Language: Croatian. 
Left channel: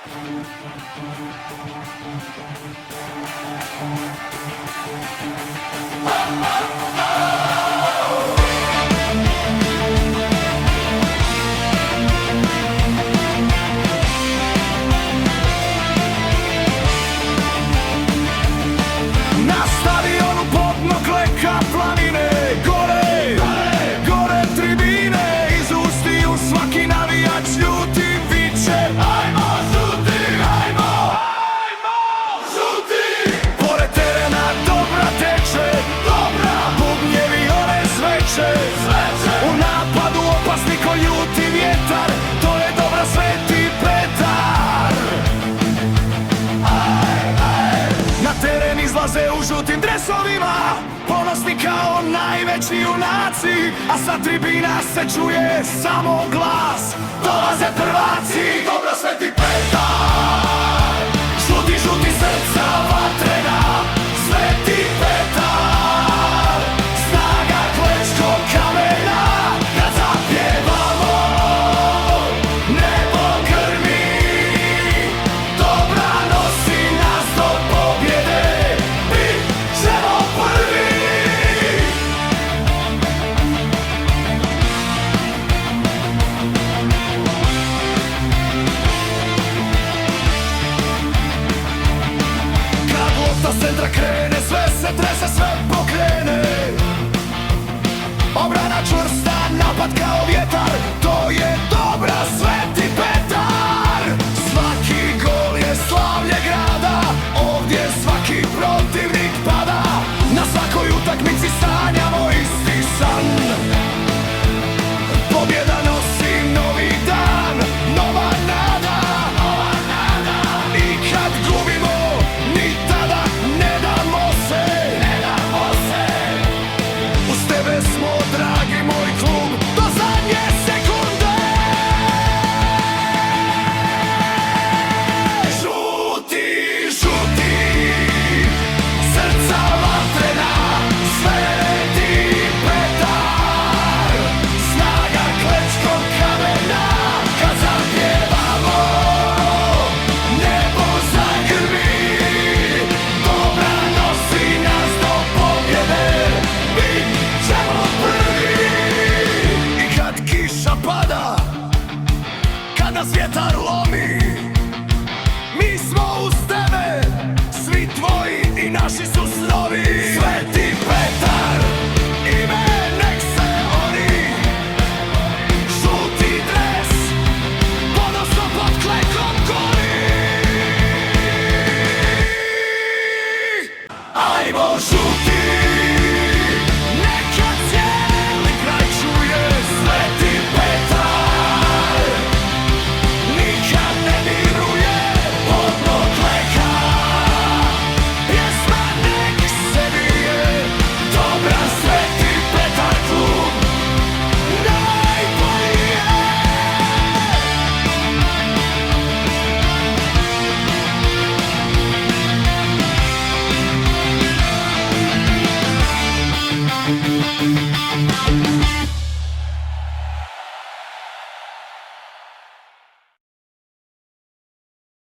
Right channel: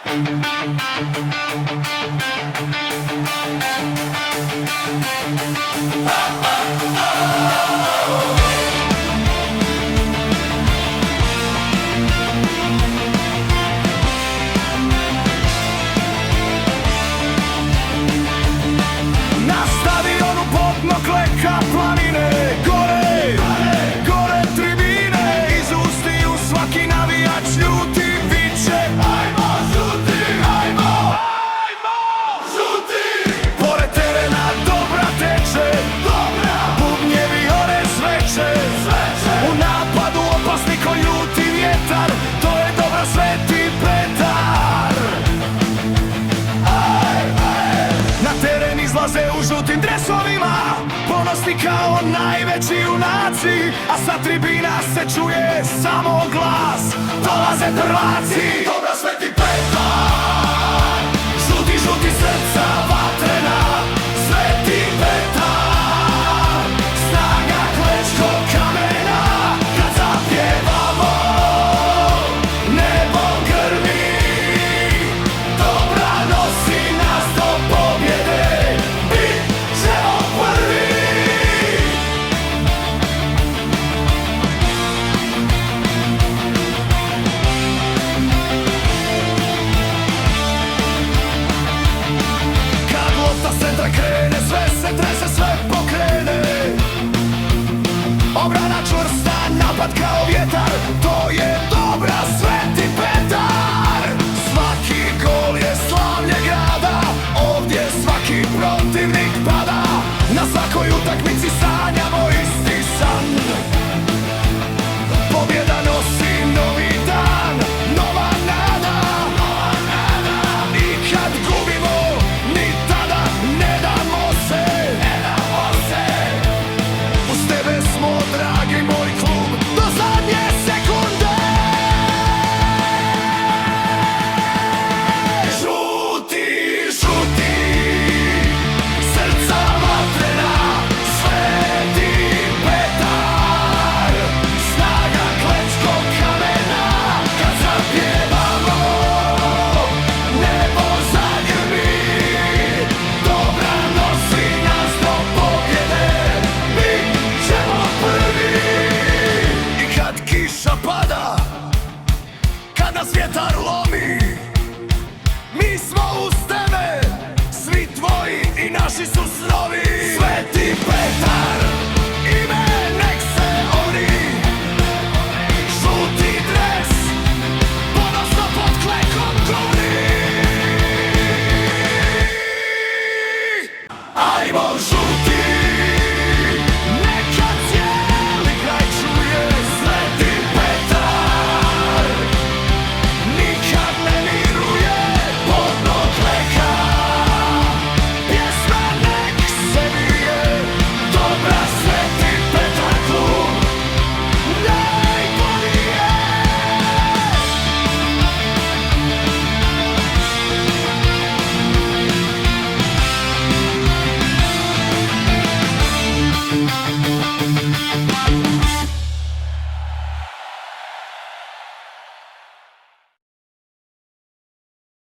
Na stadionu podmokle planine, gore tribine, iz ustiju svaki navijač ljuti viče: ajmo žuti, ajmo žuti. Pored terena dobra teče, bubnjevi one zveče, u napadu opasni ko ljuti vjetar, to je dobra Sveti Petar. Na teren izlaze u žutim dresovima, ponosni kao najveći junaci, a sa tribina se čuje samo glas: dolaze prvaci! Dobra Sveti Petar! Žuti, žuti srca vatrena, Sveti Petar! Snaga klečko kamena, kad zapjevamo, nebo grmi, dobra nosi nas do pobjede, bit ćemo prvi! Kad lopta s centra krene, sve se trese, sve pokrene, obrana čvrsta, napad kao vjetar, to je dobra Sveti Petar! Svaki gol je slavlje grada, ovdje svaki protivnik pada, na svakoj utakmici sanjamo isti san. Pobjeda nosi novi dan, nova nada, i kad gubimo, ni tada ne damo se. Uz tebe smo, dragi moj klub, do zadnje sekunde. Žuti, žuti, srca vatrena, Sveti Petar! Snaga klečko kamena, kad zapjevamo, nebo zagrmi, dobra nosi nas do pobjede, bit ćemo prvi! I kad kiša pada, kad nas vjetar lomi, mi smo uz tebe, svi tvoji i naši su snovi. Sveti Petar, ime nek se ori, žuti dres, ponosno pod klekom gori.